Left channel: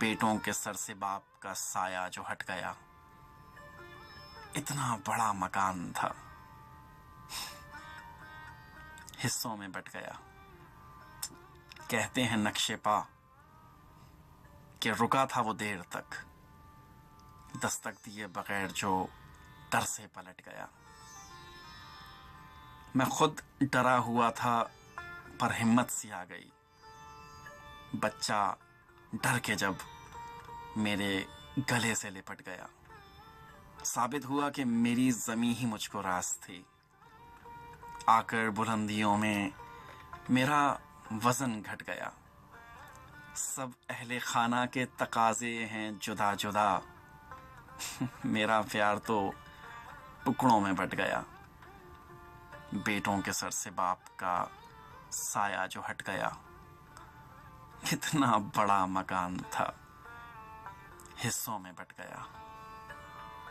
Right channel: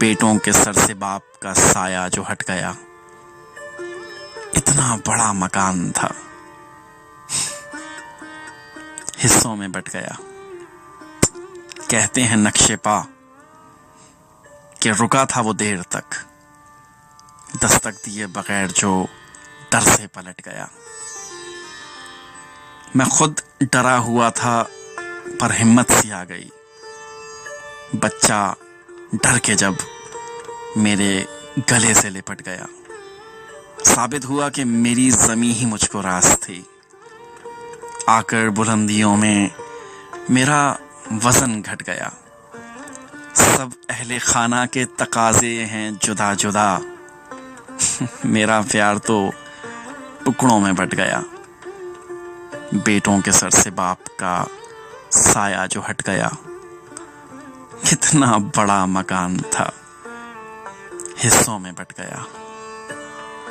بیٹوں کے سر سے باپ کا سایہ جو ہٹ گیا، اتنا بڑا مکان تھا، حصوں میں بٹ گیا۔ کہتے ہیں نقشے پا کہ رکا تھا وہ دیر تک، دستک دیے بغیر جو در سے پلٹ گیا۔ میں خود ڈرا ہوا تھا پر ہمت سی آ گئی، بچہ ڈر کے جب میرے گلے سے لپٹ گیا۔ ثابت ہوا کہ میری زمیں ہی مجھ کو راز تھی، آ کر بلندیوں میں میرا وزن گھٹ گیا۔ سب اہل خانہ کے تقاضے ہیں جدا جدا، میرا پیار تو ٹکڑوں میں بٹ گیا۔ بیٹوں کے سر سے باپ کا سایہ جو ہٹ گیا، کتنا بڑا مکان تھا، حصوں میں بٹ گیا۔